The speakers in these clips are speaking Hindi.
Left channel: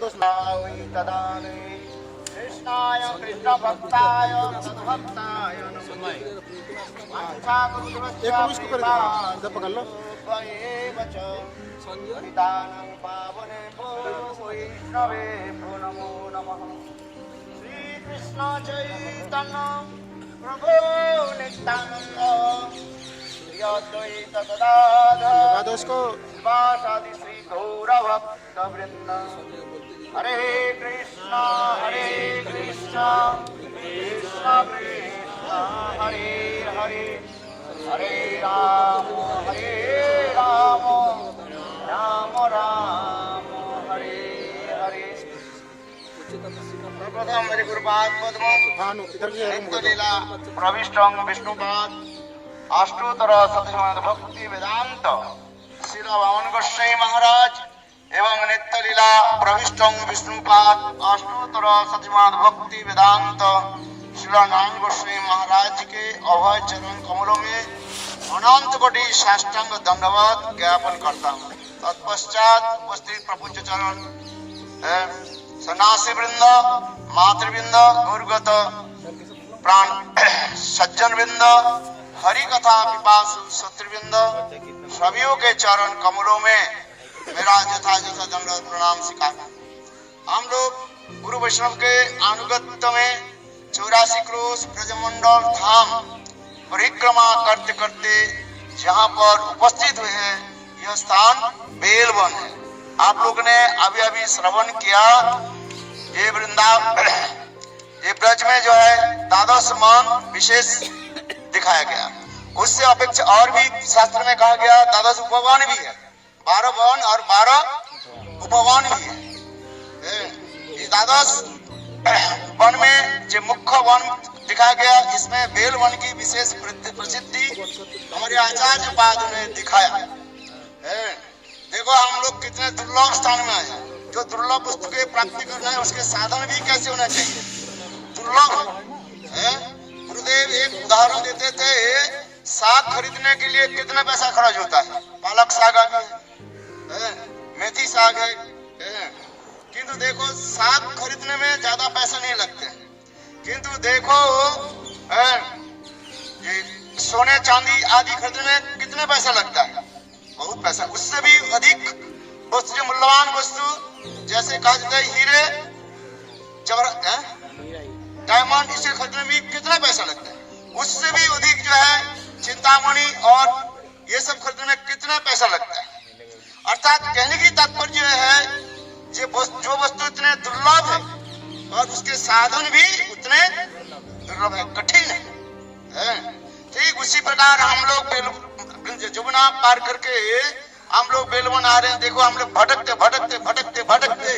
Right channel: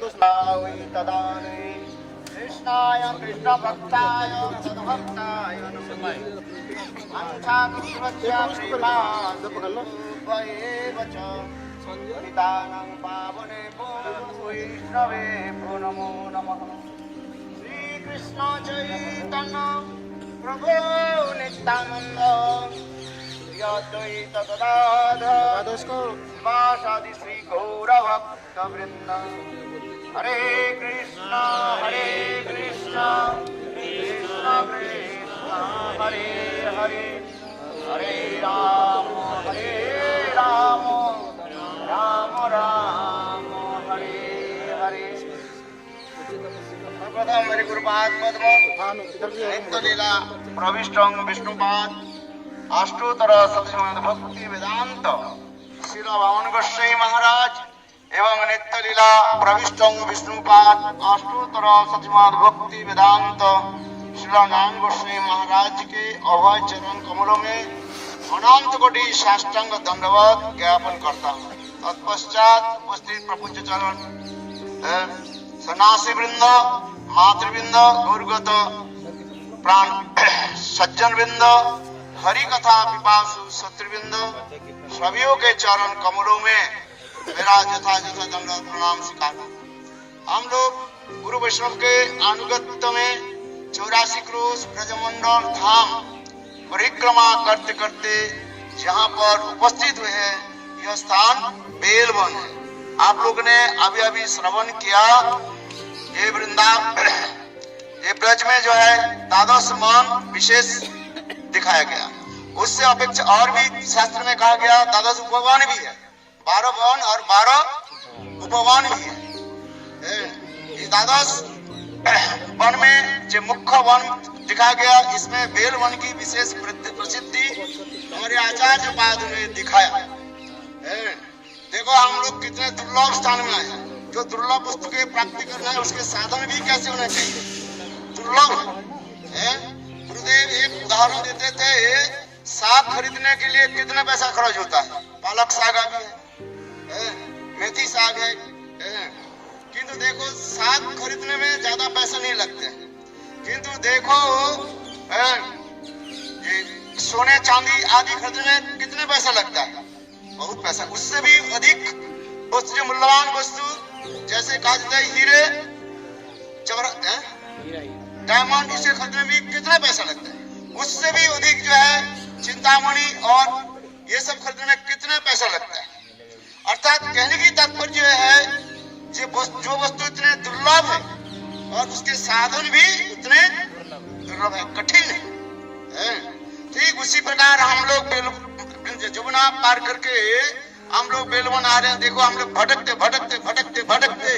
कृष्णाय कृष्ण भक्ताय भक्ताय वैष्णवे नमो नमः। श्री कृष्ण चैतन्य प्रभु नित्यानंद श्री अद्वैत गदाधर शिवासादि श्री गौर भक्त वृंद। हरे कृष्णा कृष्ण कृष्ण हरे हरे हरे राम राम राम हरे हरे। प्रथम हरि गुरुपाद पद्म नित्य लीला प्रविष्टं विष्णुपाद अष्टोत्तर सतश्रीमद भक्ति वेदांत श्रील वामन गोसाई महाराज एवं नित्य लीला प्रविष्टं विष्णुपाद अष्टोत्तर सतश्रीमद भक्ति वेदांत श्रील नारायण गोसाई महाराज के अभय चरण कमलों में अनंत कोटि साष्टांग दंडवत ज्ञापन करता हूँ। तत्पश्चात उपस्थित प्रपंच चरण सन्यासी वृंद, मातृवृंद, गौरगत प्राण सज्जन वृंद, हरि कथा पिपासु शत्रुवृंद सभियों के चरण कमलों में मेरा यथा दंडवत प्रणाम स्वीकार। हम लोग गुरु वैष्णव के अनुगत्य में 84 क्रोश ब्रजमंडल धाम परिक्रमा करते करते जहाँ पर उपस्थित हुए हैं यह स्थान बेलवन है। आप लोग ने अभी अभी श्रवण किया ये वृंदावन ये ब्रज में जो है द्वादश मान विशेष दिखाया गया। उससे अपेक्षा और भी शास्त्र में कहा गया द्वादश उपवन भी है, 12 वन और 12 उपवन भी है। द्वादश वन में जो मुख्य वन दिखाया गया इसमें बेल वन की विशेष प्रसिद्धि हमारे आचार्य पाद ने दिखाया। देखो हम लोग कितने दुर्लभ स्थान में आए। जो दुर्लभ वस्तु के प्राप्ति करना है उसके साधन भी कैसे होना चाहिए, दुर्लभ है। गुरुदेव एक उदाहरण देते थे, साग खरीदने के लिए कितना पैसा खर्च होता है। पालक साग आ गया, मेथी साग है, किंतु देखो साग खरीदने में ज्यादा पैसा नहीं लगते, किंतु देखो सोने चांदी आदि खरीदने में कितने पैसा लगता है, बहुत पैसा। उससे भी अधिक वस्तु जो मूल्यवान वस्तु जैसे कहा जाता है हीरे डायमंड, इसे खरीदने में भी कितना पैसा लगता है। उससे भी अधिक जो है चिंतामणि और ये सब खरीदने में कितना पैसा लगता है। अर्थात कहने की तात्पर्य है जो वस्तु इतने दुर्लभ है और उसके साधन भी उतने दुर्लभ है, कठिन है। ठीक उसी प्रकार हम लोग जमुना पार करके हम लोग बेलवन आ रहे हैं। देखो हम लोग भटकते भटकते भटकते भटकते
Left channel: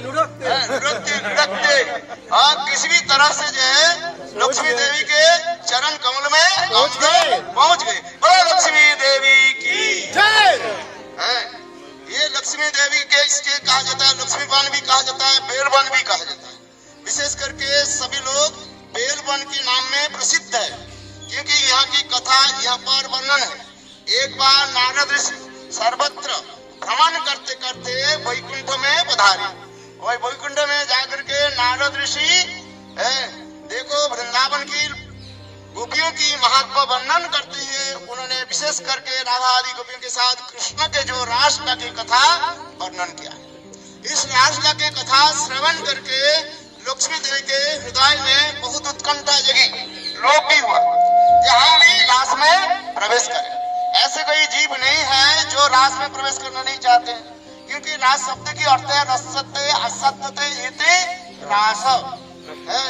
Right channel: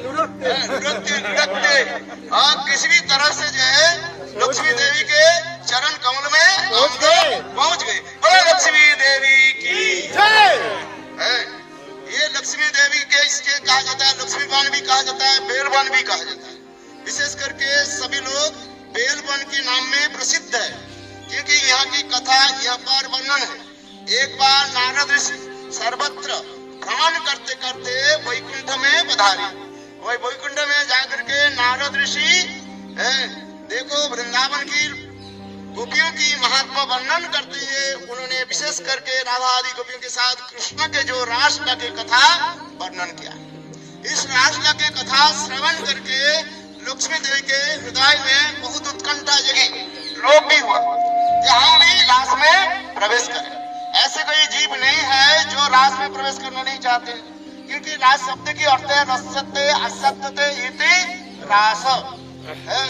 लुढ़कते किसी भी तरह से जो है लक्ष्मी देवी के चरण कमल में हम लोग पहुंच गए। बोलो लक्ष्मी देवी की जय। ये लक्ष्मी देवी के इसके कहा जाता है, लक्ष्मी वन भी कहा जाता है, बेल वन भी कहा जाता है। विशेष करके सभी लोग बेल वन के नाम में प्रसिद्ध है क्योंकि यहाँ की कथा यहाँ पर वर्णन है। एक बार नारद ऋषि सर्वत्र भ्रमण करते करते वैकुंठ में पधारे और वैकुंठ में जाकर के नारद ऋषि देखो वृंदावन की गोपियों की महत्व वर्णन करते हैं। उन्होंने विशेष करके राधा आदि गोपियों के साथ कृष्ण के जो रासलीला की कथा वर्णन किया। इस रासलीला की कथा श्रवण करके लक्ष्मी देवी के हृदय में बहुत उत्कंठा जगी, लोभ भी हुआ कि हम भी रास में प्रवेश करें। ऐसे कोई जीव नहीं है जो रास में प्रवेश करना नहीं चाहते, क्योंकि रास शब्द की अर्थ है रसते असत्यते इति रास,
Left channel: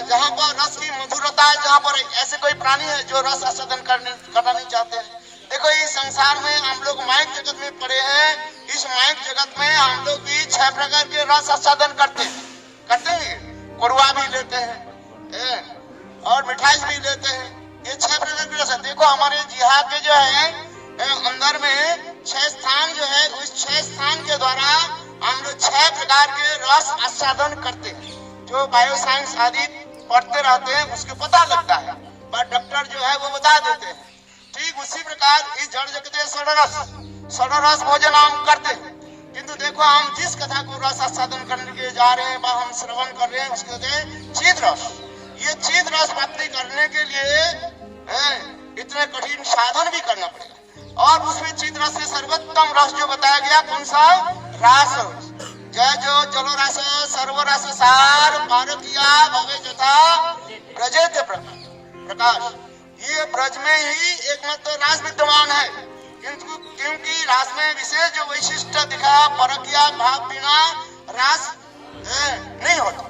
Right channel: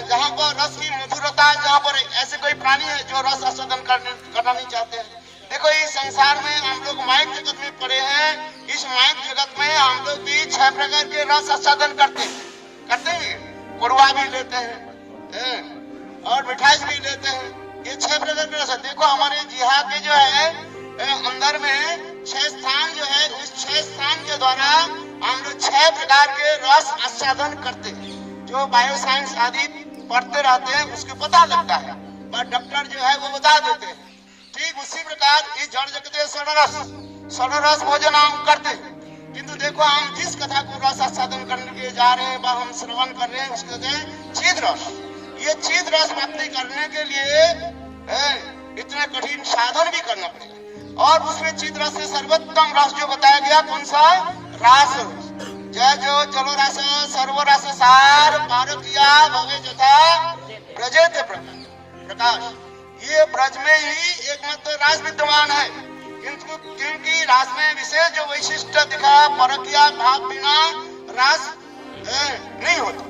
जहाँ पर रस की मधुरता है, जहाँ पर ऐसे कोई प्राणी है जो रस आस्वादन करना नहीं चाहते। देखो इस संसार में हम लोग माइक जगत में पड़े हैं। इस माइक जगत में हम लोग भी 6 प्रकार के रस आस्वादन करते हैं। कुरवा भी लेते हैं और मिठाई भी लेते हैं। ये 6 प्रकार के रस है। देखो हमारे जिहा के जो है अंदर में 6 स्थान जो है, उस 6 स्थान के द्वारा हम लोग 6 प्रकार के रस आस्वादन करते हैं। जो बायो साइंस आदि पढ़ते रहते हैं उसको पता लगता है, पर डॉक्टर जो है वो बता देते हैं। ठीक उसी प्रकार इस जड़ जगत षडरस भोजन हम करते हैं, किंतु देखो हम जिस कथा को रस आस्वादन करने के जा रहे हैं, हम श्रवण कर रहे हैं, उसको कहते हैं चिद रस। ये चिद रस प्राप्ति करने के लिए इतने कठिन साधन भी करना पड़ेगा। और उसमें चिद रस से सर्वोत्तम रस जो बताया गया कौन सा? रास। जय जो जलो रस सर्व रस सार पारकिया भवे जथा ब्रजेते प्रकाश। ये ब्रज में ही एकमात्र रास विद्यमान है, क्योंकि रास में विशेष जो वैशिष्ट दिखा परकिया भाव बिना रास नहीं होता,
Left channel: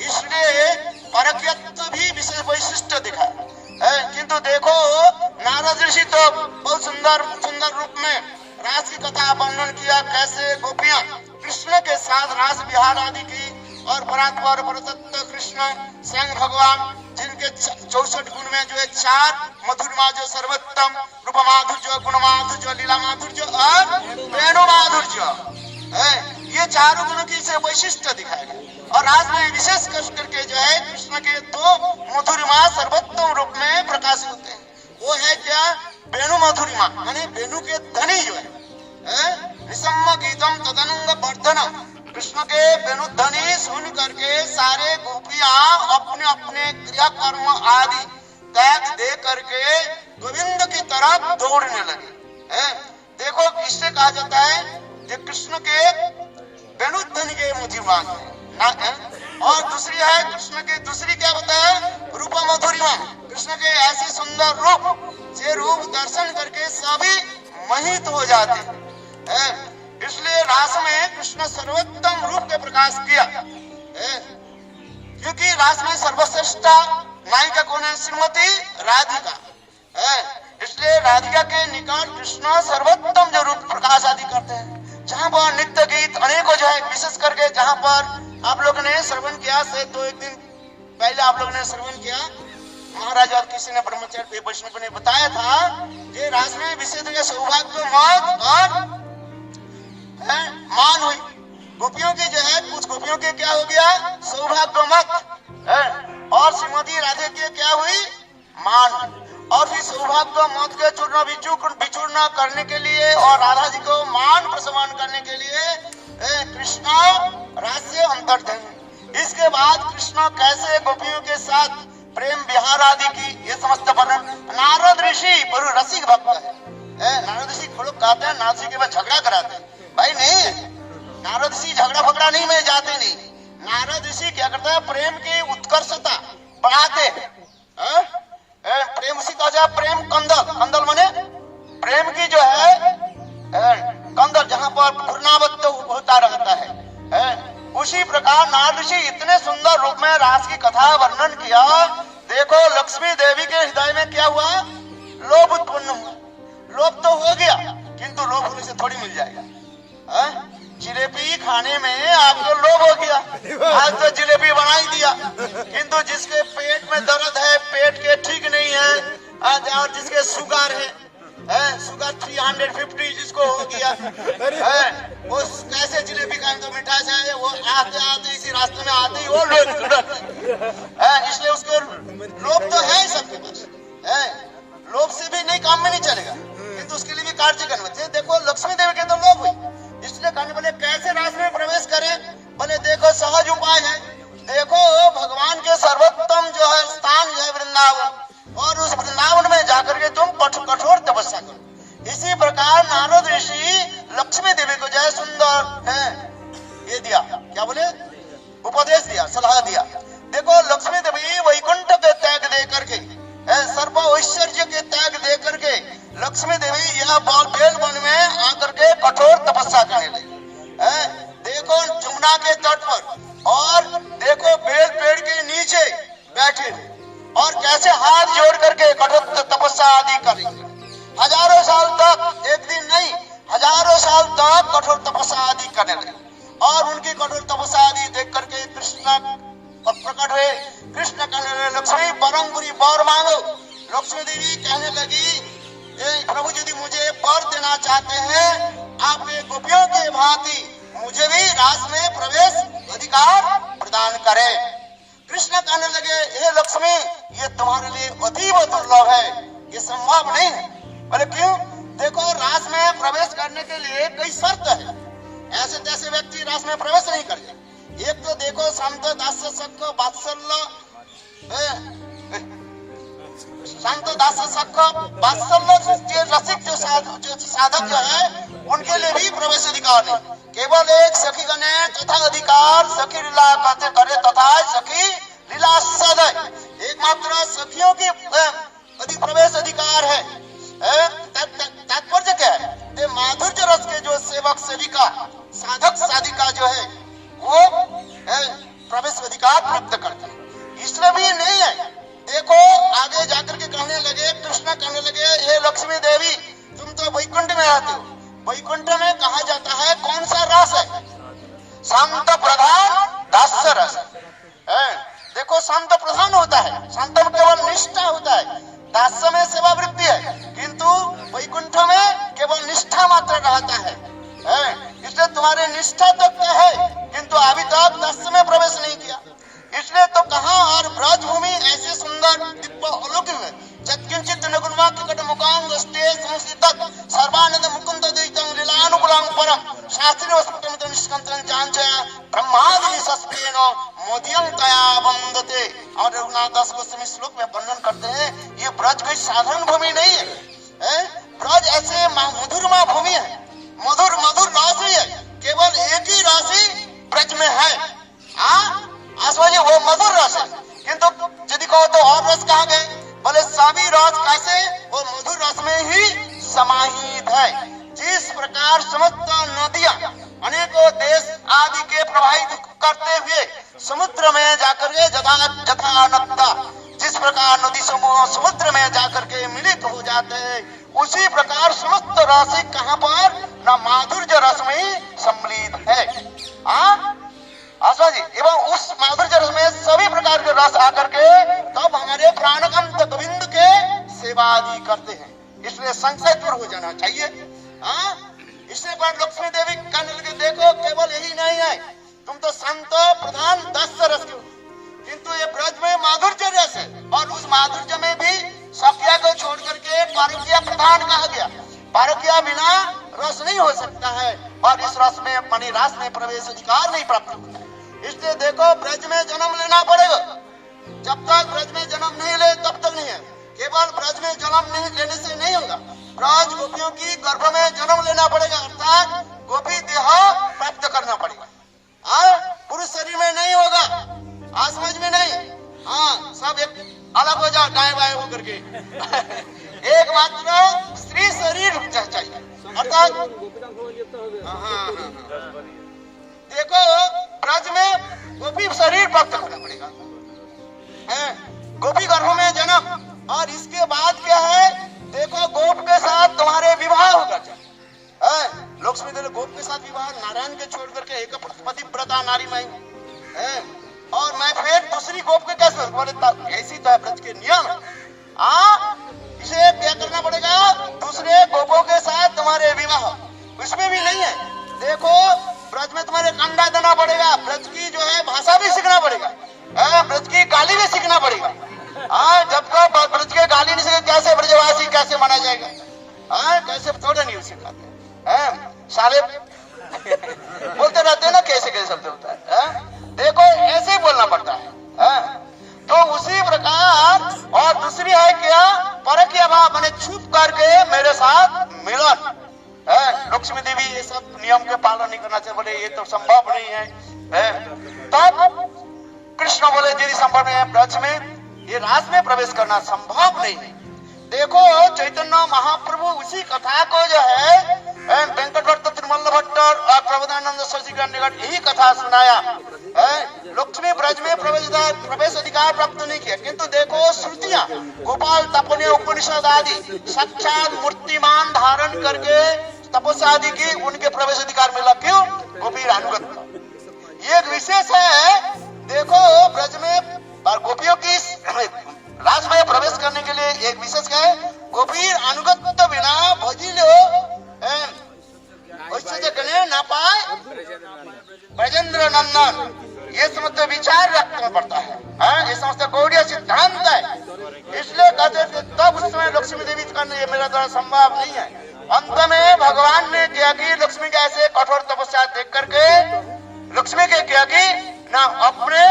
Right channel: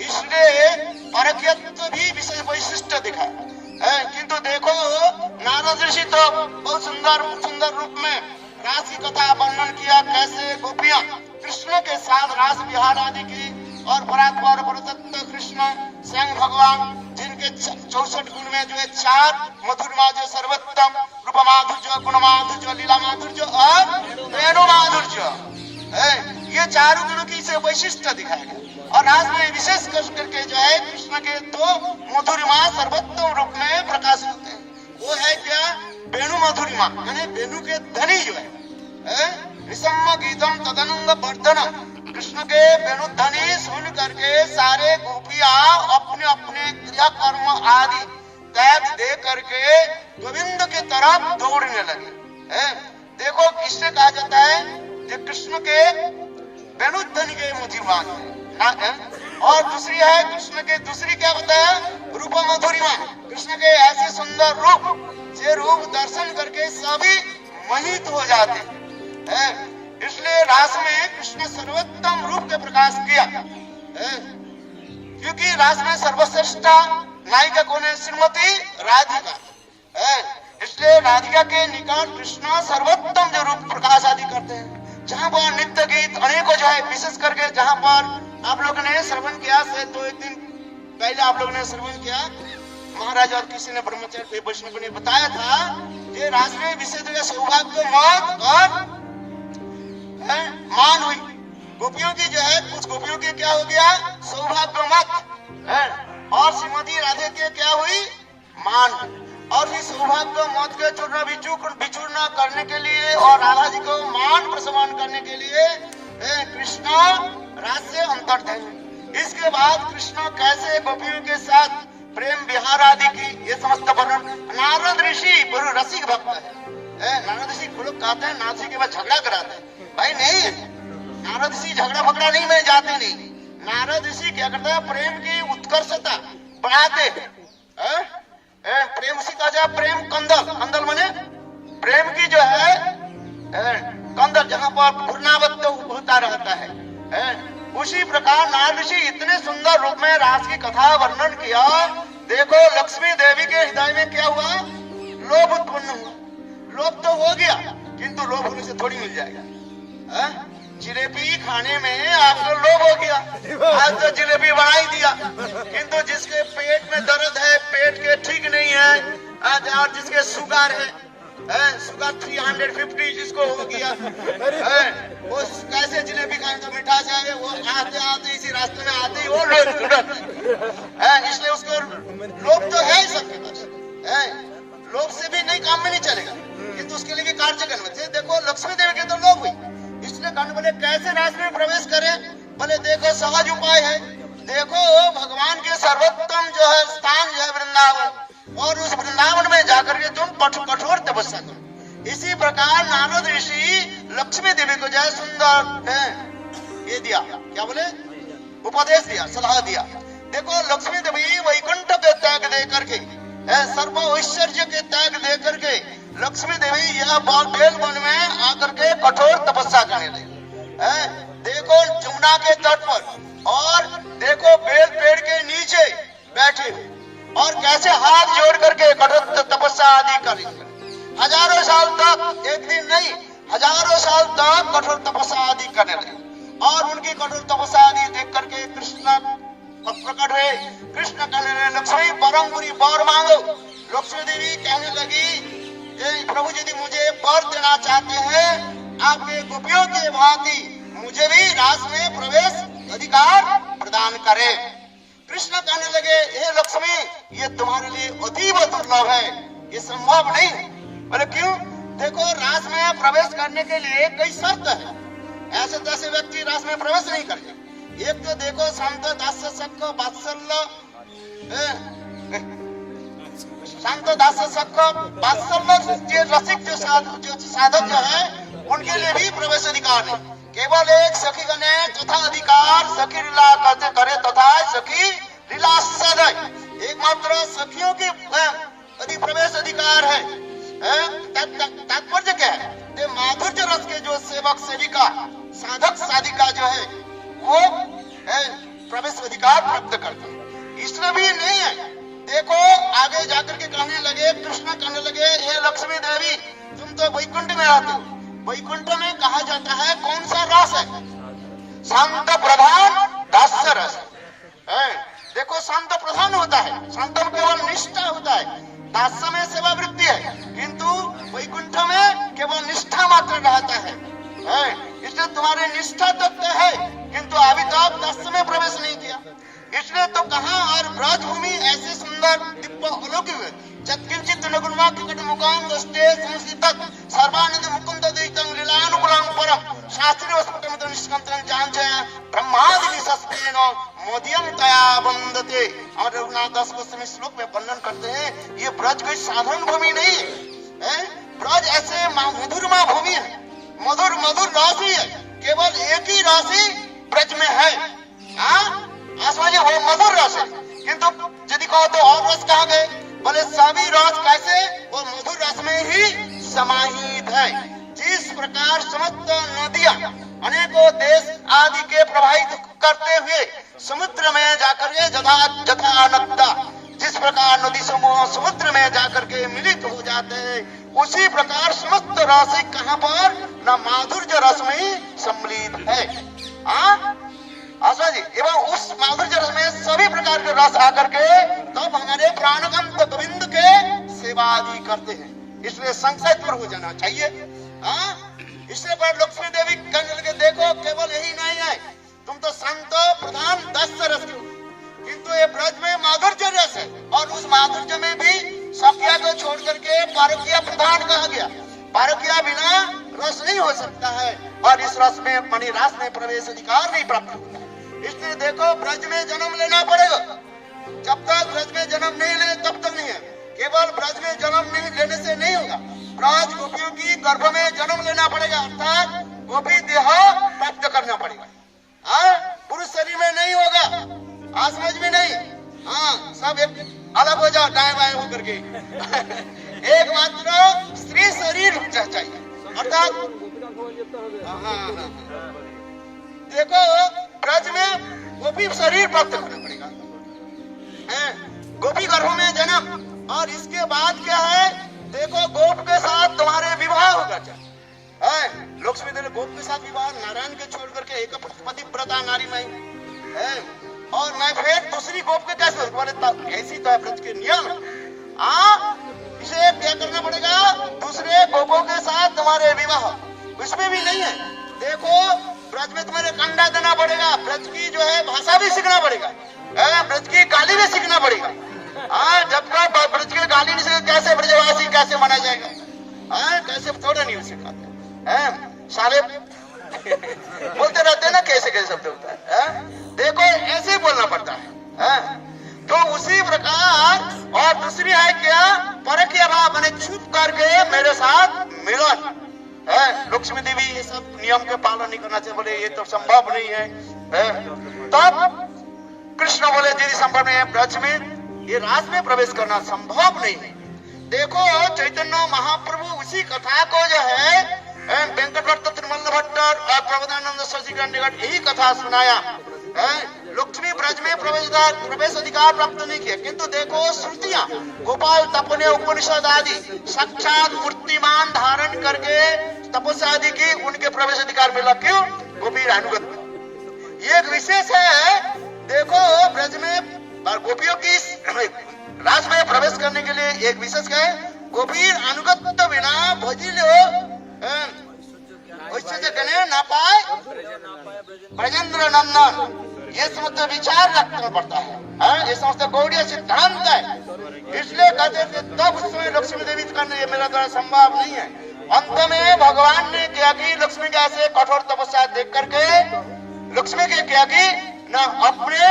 इसलिए परकियत्व भी विशेष वैशिष्ट दिखा है। किंतु देखो नारद ऋषि तो बहुत सुंदर सुंदर रूप में रास की कथा वर्णन किया, कैसे गोपियां कृष्ण के साथ रास विहार आदि की, और परात्पर परतत्व कृष्ण स्वयं भगवान जिनके 64 गुण में जो है 4 मधुरमा जो सर्वोत्तम रूप माधुर्य गुण माधुर्य लीला माधुर्य और वेणु माधुर्य, ये 4 गुणों की से वैशिष्ट दिखाया गया। और रास में विशेष करके जो है कृष्ण के 2 मधुरमा सर्वोत्तम रूप में प्रकाशित होते हैं। वो है क्या? वेणु मधुरमा, माने वेणु के धनी जो है निसम्म गीतम तदनंग वर्धनम। कृष्ण के वेणु ध्वनि सुन करके सारे गोपियां अपने अपने क्रिया कर्म आदि त्याग दे करके गोविंद की तरफ दौड़ने लगे। देखो किससे कहा जाता है? कृष्ण के वेणु ध्वनि के मधुरमान। और दूसरी है कृष्ण के, दूसरी क्या बताया? रूप मधुरिमा। कृष्ण के ऐसे सुंदर रूप, ये रूप दर्शन करके सभी मोहित हो जाते हैं। इसलिए रास में कृष्ण सर्वोत्तम रूप के प्रकाश किया, क्योंकि रास में सर्वश्रेष्ठ नायिका कौन है? श्रीमती राधिका। इसलिए राधिका के निकट कृष्ण सर्वोत्तम जो रूप प्रकाश आदि करते हैं, जहाँ पर नित्य गीत अनेकों जो है, विशेष करके जहाँ पर आप लोग ने श्रवण किया से 2-1 दिन पहले आप लोग ने श्रवण किया, महाराज और किसी ने ब्रह्मचारी वैष्णव ने बताया था, ये रास में विशेष सौभाग्य मत और मान हुई। गोपियों के जो है, कुछ गोपियों के क्या हो गया? सौभाग्य मत, और श्रीमती राधे के क्या हुई? मान। और फिर सौभाग्य मत के चूर्ण विचूर्ण करने के लिए और राधा जी को मान प्रसन्न करने के लिए कृष्ण रास से अंतर्ध्यान। इसके बाद कृष्ण कैसे गोपियों के साथ प्रेम विहार आदि की, ये समस्त वर्णन। नारद ऋषि बड़े रसिक भक्त है। नारद ऋषि लोग कहते हैं नारद ऋषि के बाद झगड़ा कराते हैं, भाई नहीं है। नारद ऋषि झगड़ा फगड़ा नहीं में जाते नहीं। नारद ऋषि क्या करते हैं? प्रेम की उत्कर्षता बढ़ाते हैं। प्रेम उसी का जाए प्रेम कंदल। कंदल माने प्रेम की जो है कंदल, जहाँ पर घूर्णावत्त होता रहता है। उसी प्रकार नारद ऋषि इतने सुंदर रूप में रास की कथा वर्णन किया। देखो लक्ष्मी देवी के हृदय में क्या हुआ? लोभ उत्पन्न हुआ। लोभ तो हो गया, किंतु लोभ होने से थोड़ी मिल जाएगा। जिलेबी खाने में आपको लोभ हो गया, आज तो जिलेबी बना ही दिया, किंतु जिसके पेट में दर्द है, पेट के ठीक नहीं है, और जिसके शुगर है, शुगर 350 जिसको हो गया, वो कैसे जिलेबी खाए? तो मिठाई है, वो आते आते इसी रास्ते में आते ही वो लोभ, इसलिए उसको लोभ तो है सबके पास। लोभ से भी नहीं काम में नहीं चलेगा, किंतु उसके लिए भी कार्य करना चाहिए। देखो लक्ष्मी देवी के तो लोभ हुई, इसलिए कहने बोले कैसे रास में प्रवेश करें? बोले देखो सहज उपाय है। देखो भगवान के सर्वोत्तम जो है स्थान जो है वृंदावन, और उस वृंदावन में जाकर के तुम कठोर तपस्या करो। इसी प्रकार नारद ऋषि लक्ष्मी देवी को जो है सुंदर ये दिया, क्या बोले? उपदेश दिया, सलाह दिया। देखो लक्ष्मी देवी वैकुंठ के त्याग दे करके, सर्व ऐश्वर्य के त्याग दे करके लक्ष्मी देवी यह बेल वन में आकर के कठोर तपस्या करने लगी। देखो जमुना के तट पर, और देखो बेल पेड़ के नीचे बैठे और कैसे हाथ जोड़ करके कठोर तपस्या आदि करेंगे। हजारों साल तक, एक दिन नहीं, हजारों साल तक कठोर तपस्या आदि करने लगे। और उनकी कठोर तपस्या आदि देख करके कृष्ण प्रकट हुए। कृष्ण कहने लगे लक्ष्मी बरंगुरी वर मांगो। लक्ष्मी देवी कहने लगी प्रभु यदि मुझे वर देना चाहते हैं, आपके गोपियों के भांति मुझे भी रास में प्रवेश अधिकार प्रदान करें। कृष्ण कहने लगे हे लक्ष्मी, ये तुम्हारे लिए अतीव दुर्लभ है, ये संभव नहीं। बोले क्यों? देखो रास में प्रवेश करने के लिए कई शर्त है, ऐसे तैसे व्यक्ति रास में प्रवेश नहीं करते। एक तो देखो शांत दास्य सख वात्सल्य, शांत दास्य सख वात्सल्य जो रसिक जो साधक जो है उनके लिए भी प्रवेश अधिकार नहीं। केवल एक सखी गणे तथा अधिकार सखी लीला करते करे तथा सखी लीला सदय, एकमात्र सखियों के प्रवेश अधिकार है। तात्पर्य क्या है? माधुर्य रस के जो सेवक सेविका साधक साधिका जो है वो प्रवेश अधिकार प्राप्त करते हैं, इसलिए भी नहीं है। देखो आगे जाकर के कहने लगे, कृष्ण कहने लगे, हे लक्ष्मी देवी तुम तो वैकुंठ में रहते हो, वैकुंठ में कहा जाता है कौन सा रस है? शांत प्रधान दास्य रस है। देखो शांत प्रधान होता है, शांत में केवल निष्ठा होता है, दास्य में सेवा वृत्ति है, किंतु वैकुंठ में केवल निष्ठा मात्र रहता है। इसलिए तुम्हारे निष्ठा तक है किंतु अभी तक दास्य में प्रवेश नहीं किया। इसलिए तो कहा और ब्रजभूमि ऐसे सुंदर दिव्य अलौकिक है, चत्किंचित नगुणवा टिकट मुकाम दस्ते संस्थित सर्वानंद मुकुंद दैतं लीलानुकूलं परम शास्त्रीय वस्पटमित निष्कंतनं जांचया ब्रह्मादि सस्पेन मोदियं तया वंदते। और रघुनाथ दास गोस्वामी श्लोक में वर्णन करते हैं ये ब्रज कोई साधारण भूमि नहीं है, ब्रज ऐसे मधुरमा भूमि है, मधुर मधुर राशि है, केवल एक ही राशि ब्रज में है। आसवाजी वो मधुर रस है, किंतु यदि कहो तो और रस कहाँ गए? बोले सभी रस कैसे? वो मधुर रस में ही समाहित है। जिस प्रकार समस्त नदियां अनेकों देश आदि के प्रभावित करते हुए समुद्र में जाकर के जथा नद्दा, जिस प्रकार नदी समूह समुद्र में जाकर के मिलित हो जाते हैं, उसी प्रकार समस्त राशि कहाँ पर? न माधुर्य रस में ही सम्मिलित है। आशा जी एवं उस माधुर्य रस में सभी प्रकार के रस आकर के तब हमारे प्राणगंत गोविंद के सेवा आदि करते हैं, इसलिए संशय दूर हो जाना चाहिए। इसलिए पर लक्ष्मी देवी कहने लगे देखो केवल यही नहीं है, तुम तो संत प्रधान दास्य रस हो, किंतु ये ब्रज में माधुर्य रस है और उस माधुर्य में भी सखिया को छोड़ करके पारकिया प्रधान कहा गया। पारकिया बिना रस नहीं हो सकता है और इस रस में मणिरास में प्रवेश अधिकार नहीं प्राप्त होता है। इसलिए देखो ब्रज में जन्म लेना पड़ेगा, जब तक ब्रज में जन्म नहीं ले तब तक नहीं है। केवल ब्रज में जन्म नहीं लेने से नहीं होगा, ब्रज गोपियों की गर्भ में जन्म लेना पड़ेगा, अर्थात गोपी देह प्राप्त करना पड़ेगा। पुरुष शरीर में नहीं होगा, समझ में नहीं। सब एक अलग हो जाओ दाएं बाएं होकर के एक मात्र स्त्री शरीर चाहिए, अर्थात देखो ब्रज में गोपी शरीर प्राप्त करना पड़ेगा, गोपी गर्भ में जन्म। और इसके बाद क्या है? देखो गोप के साथ तुम्हारे विवाह होगा। लक्ष्मी देवी गोप के साथ विवाह, नारायण के छोड़ करके एक पतिव्रता नारी में और मैं फिर दूसरी गोप के कैसे? बोले ऐसी तो है ब्रज के नियम। इसे क्या करना पड़ेगा? दूसरे गोपों के साथ तुम्हारे विवाह, उसमें भी नहीं है। देखो ब्रज में तुम्हारे कंडा देना पड़ेगा, ब्रज की जो है भाषा भी सीखना पड़ेगा, ब्रज की गाली भी सीखना पड़ेगा। जब तक ब्रज के गाली नहीं सीखे कैसे ब्रजवासी कैसे माना जाएगा? कैसे थोड़े नहीं सिखाते सारे बोलते रहते हैं ना, कैसे कैसे शब्द होता है। देखो ऐसे ही बोलना पड़ता है। तो उसी प्रकार और दूसरी है क्या? परकीय भाव मैंने छुप करके मेरे साथ मिलन। लक्ष्मी देवी ये सब नियम के पालन नहीं करना चाहिए, बोले ये तो संभव नहीं है। तब कृष्ण बोले यदि संभव नहीं है ब्रज में ये रास में प्रवेश करना संभव नहीं है। देखो चैतन्य महाप्रभु उसी कथा को जो है वेंकट भट्ट त्रिमल्ल भट्ट और प्रबोधानंद सरस्वती निकट यही कथा सुनाया। लक्ष्मी ब्रज में प्रवेश अधिकार प्राप्त नहीं किया, किंतु देखो श्रुतियां गोपाल तपने उपनिषद आदि साक्षात मूर्तिमान धारण करके तपस्या आदि की, उनके प्रवेश अधिकार मिला। क्यों? गोपी अनुगत ये एक विशेष है। देखो ब्रज में गोपियों की रास में प्रवेश करने के लिए एक विशेष है, गोपी अनुगत तो बिना भजिलो गणे ना पाए ब्रजेंद्र नंदन, ये समस्त विचार रखना पड़ता है। ये समस्त गौड़ीय सिद्धांत है। इसलिए कहते तब उस समय लक्ष्मी देवी करने मेरा द्वारा संभव नहीं है। अंत में भगवान ने क्या कि लक्ष्मी के ऐसे कठोर तपस्या देख करके लक्ष्मी के क्या की ना अपने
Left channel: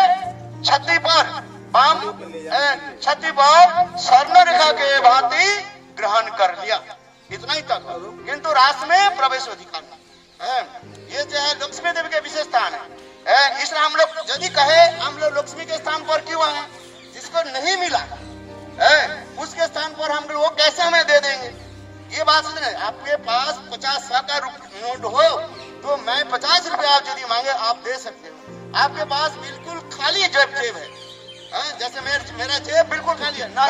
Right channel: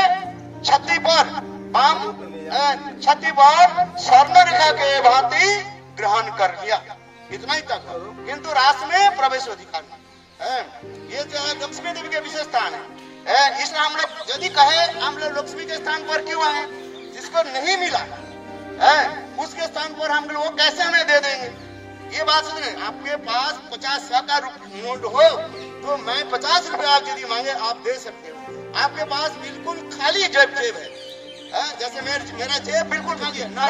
छाती पर छाती पर स्वर्ण रेखा के भांति ग्रहण कर लिया, इतना ही तक। किंतु रास में प्रवेश अधिकार नहीं। ये जो है लक्ष्मी देवी के विशेष स्थान है। इसलिए हम लोग यदि कहे हम लोग लक्ष्मी के स्थान पर क्यों आए, जिसको नहीं मिला उसके स्थान पर हम लोग कैसे हमें दे देंगे, ये बात समझे। आपके पास 50 का नोट हो तो मैं 50 रुपए आप यदि मांगे आप दे सकते हो। आपके पास बिल्कुल खाली जेब है, जैसे मेरा जेब बिल्कुल खाली है ना,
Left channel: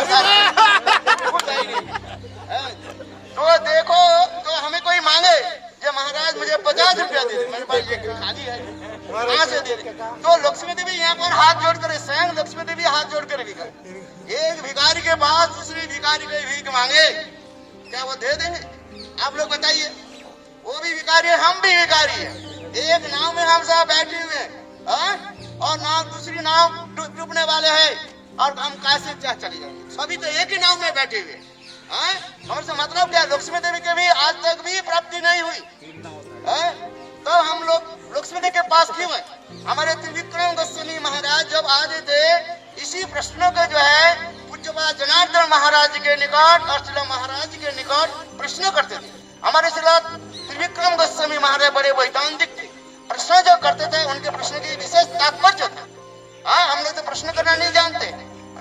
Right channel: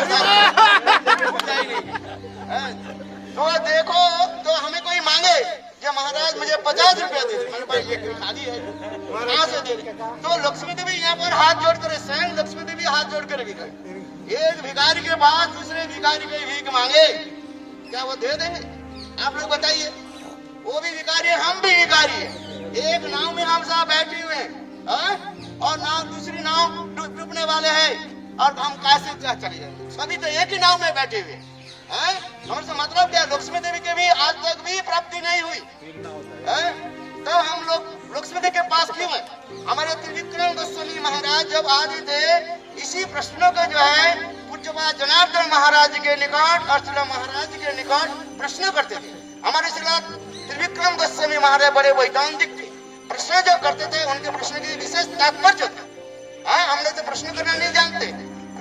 तो देखो तो हमें कोई मांगे जो महाराज मुझे 50 रुपया दे दे, मेरे पास ये खाली है, कहाँ से दे दे। तो लक्ष्मी देवी यहाँ पर हाथ जोड़ कर, स्वयं लक्ष्मी देवी हाथ जोड़ कर भिखारी, एक भिखारी के पास दूसरे भिखारी को भीख मांगे, क्या वो दे देंगे? आप लोग बताइए। वो भी भिखारी है, हम भी भिखारी है। एक नाव में हम सब बैठे हुए हैं और नाव दूसरी नाव डूबने वाले हैं और हम कैसे क्या चले जाएंगे? सभी तो एक ही नाव में बैठे हुए हैं। हमारे से मतलब क्या, लक्ष्मी देवी के भी आज तक भी प्राप्ति नहीं हुई, तो हम लोग लक्ष्मी देवी के पास क्यों है? हमारे त्रिविक्रम गोस्वामी महाराज जब आते थे, इसी प्रश्न को जो है पूज्यपाद जनार्दन महाराज के निकट और श्रील महाराज के निकट प्रश्न करते थे। हमारे श्रील त्रिविक्रम गोस्वामी महाराज बड़े वैदांतिक थे, प्रश्न जो करते थे उनके प्रश्न की विशेष तात्पर्य था। हम लोग तो प्रश्न करना नहीं जानते।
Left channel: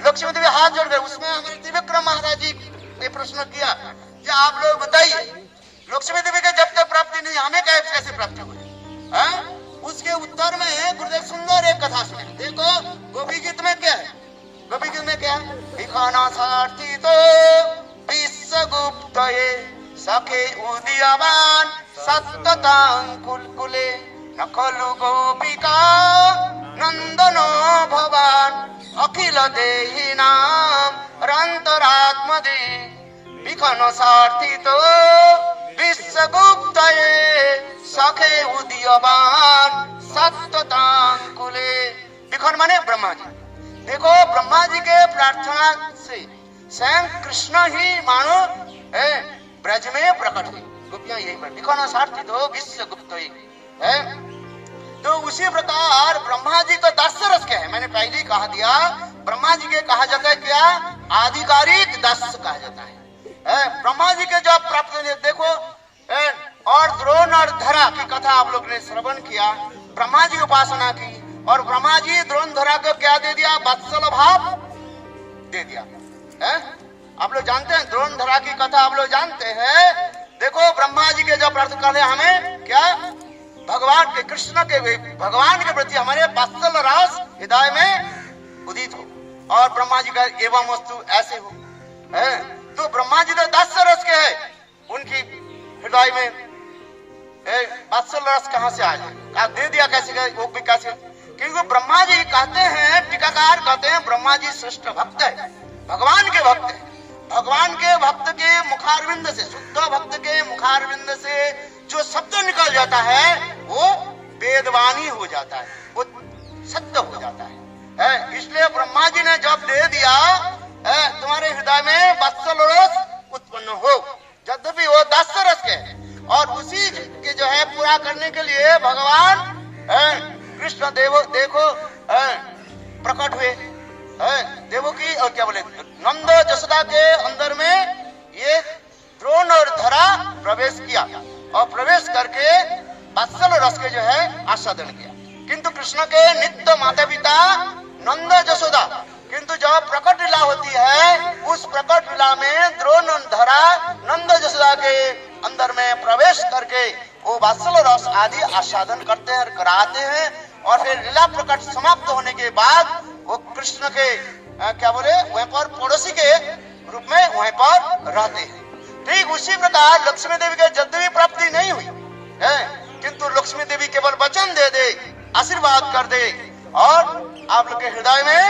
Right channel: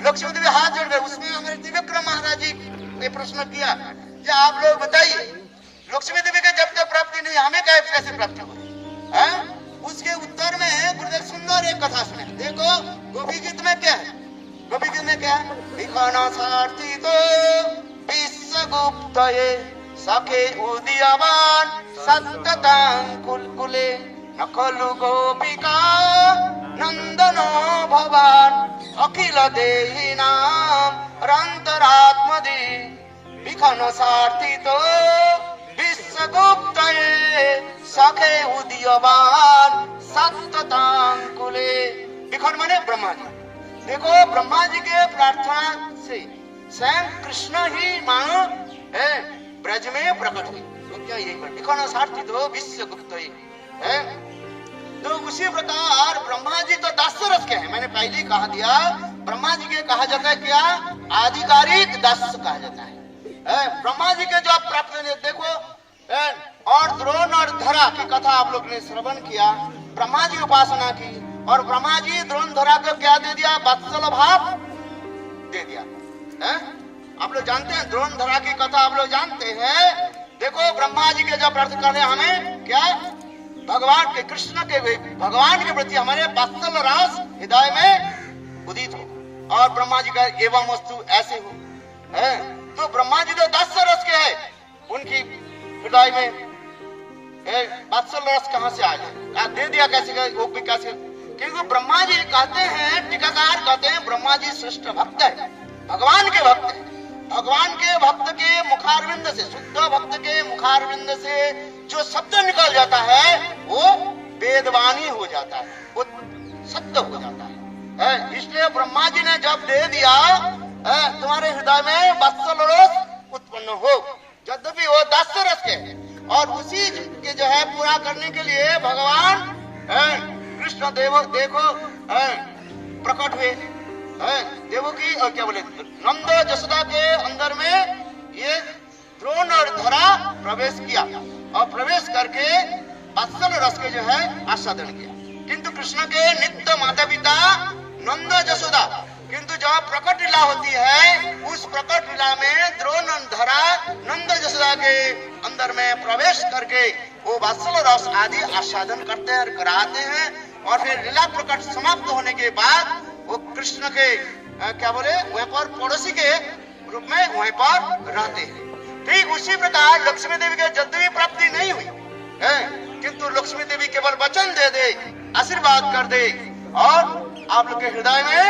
लक्ष्मी देवी हाथ जोड़ गए, उसमें हमारे त्रिविक्रम महाराज जी ने प्रश्न किया कि आप लोग बताइए, लक्ष्मी देवी के जब तक प्राप्ति नहीं हमें कैसे प्राप्ति हुई? उसके उत्तर में गुरुदेव सुंदर एक कथा सुने। देखो गोपी गीत में क्या है, गोपी गीत में क्या है? सारथी तो विश्वगुप्त सखे उदीयमान सत्ततांकुले नखलु गोपिका नंदनो भवान अखिल देहि नाम रंतरात्मदे विखन सारथी तो विश्वगुप्त सखे उदीयमान सत्ततांकुले। विखन माने ब्रह्मा जी। देखो ब्रह्मा जी के प्रार्थना से स्वयं कृष्ण ही मानो ब्रज में प्रकट हुए, तो क्या यही विखन सारथी तो विश्वगुप्त है। तो उसी प्रकार ब्रह्मा जी तो 10 रस के हैं, मैंने पहले ही कहा दिया। ब्रह्मा जी के कहा जाता है क्या, आधिकारिक 10 कहा जाता है। ब्रह्मा जी के जब प्राप्त देखो, और द्रोण और धरा की कथा आप लोग ने श्रवण किया। ब्रह्मा जी उपासना की और ब्रह्मा जी द्रोण धरा को क्या दे दिया, वत्सल भाव दे दिया। आप लोग जानते हैं द्रोण धरा की कथा, आप लोग जानते हैं। देखो ब्रह्मा जी के जब प्रार्थना करते हमें क्या, भगवान के कृष्ण के भगवान के प्रति हमारे वत्सल रस हृदय में उदित हो और ब्रह्मा जी का एवं वस्तु ऐसे हो। तो ब्रह्मा जी तो 10 रस के है, उनकी हृदय में वत्सल रस कहाँ से आ जाए, दे दिया कैसे, कैसे? क्योंकि ब्रह्मा जी कहते हैं, टीकाकार कहते हैं ब्रह्मा जी श्रेष्ठ भक्त है, भगवान के भक्त है। भगवान के भक्त के मुखारविंद से, शुद्ध भक्त के मुखारविंद से जो शब्द निकल जाता है वो वेदवाणी हो जाता है, वो सत्य हो जाता है। इसलिए ब्रह्मा जी ने जब दे दिया तुम्हारे हृदय में वत्सल रस उत्पन्न हो, यद्यपि वो 10 रस के है, और उसी के जो है पूरा करने के लिए भगवान कृष्ण देखो प्रकट हुए। देवो की और क्या बोले, नंद जसोदा के अंदर में ये द्रोण और धरा प्रवेश किया और प्रवेश करके वत्सल रस के जो है आस्वादन किया। किंतु कृष्ण के नित्य माता पिता नंद जसोदा, किंतु जब प्रकट लीला होती है उस प्रकट लीला में द्रोण और धरा नंद जसोदा के अंदर में प्रवेश करके वो वत्सल रस आदि आस्वादन करते हैं और कराते हैं। और फिर लीला प्रकट समाप्त होने के बाद वो कृष्ण के क्या बोले वहीं पर पड़ोसी के रूप में वहीं पर रहते हैं। ठीक उसी प्रकार लक्ष्मी देवी के यद्यपि प्राप्ति नहीं हुई है, किंतु लक्ष्मी देवी केवल वचन दे दे, आशीर्वाद कर दे और आप लोग के हृदय में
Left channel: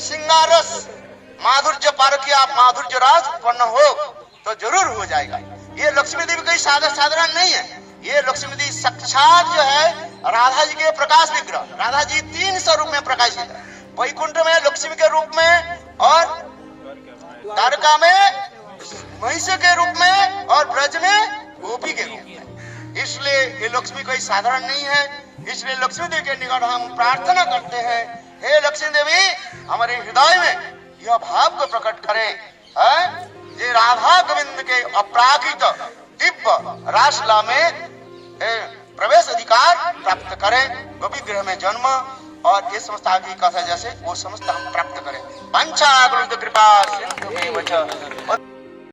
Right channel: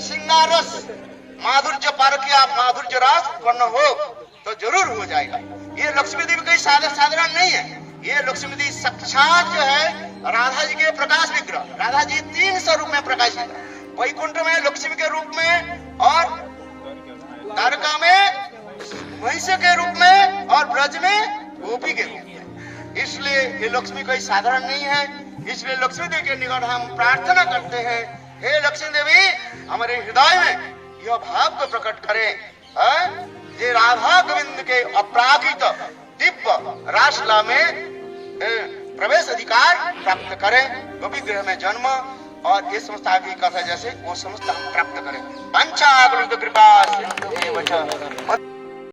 सिंगारस माधुर्य पारकिया माधुर्य रास उत्पन्न हो तो जरूर हो जाएगा। ये लक्ष्मी देवी कोई साधारण नहीं है, ये लक्ष्मी देवी साक्षात जो है राधा जी के प्रकाश विग्रह। राधा जी 3 स्वरूप में प्रकाशित है, वैकुंठ में लक्ष्मी के रूप में और द्वारका में महिषी के रूप में और ब्रज में गोपी के रूप में। इसलिए ये लक्ष्मी कोई साधारण नहीं है। इसलिए लक्ष्मी देवी के निकट हम प्रार्थना करते हैं, हे लक्ष्मी देवी हमारे हृदय में यह भाव को प्रकट करे, ये राधा गोविंद के अपरागित दिव्य रासलीला में प्रवेश अधिकार प्राप्त करें, गोपी गृह में जन्म और ये समस्त आगे कथा जैसे वो समस्त हम प्राप्त करें। पंचाग्रुत कृपा सिंधु